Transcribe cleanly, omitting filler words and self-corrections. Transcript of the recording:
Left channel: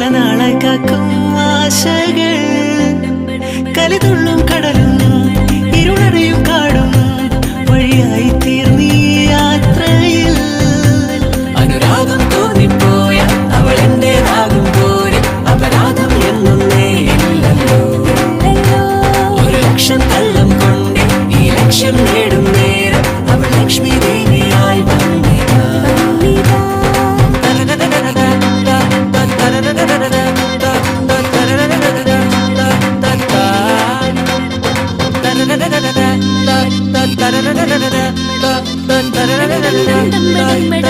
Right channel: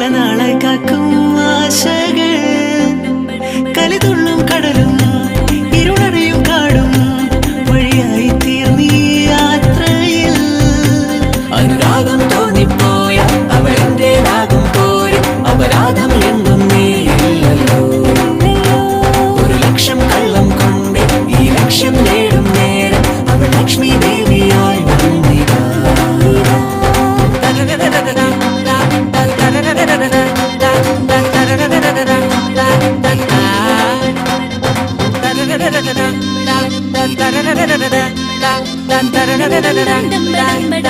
പല നാളായി കാക്കും ആശകൾ കലിതുള്ളും കടലും ഇരുളറിയും കാടും വഴിയായി തീർന്നീ യാത്രയിൽ അനുരാഗം തോന്നിപ്പോയ അവരെന്റേതാകും പോരും അപരാധം എന്നും നീയില്ലല്ലോ ഒരു ലക്ഷം കള്ളം കൊണ്ട് ഈ ലക്ഷ്യം നേടും നേരം അവൾ ലക്ഷ്മി ദേവിയായി വന്നിതാ Bye.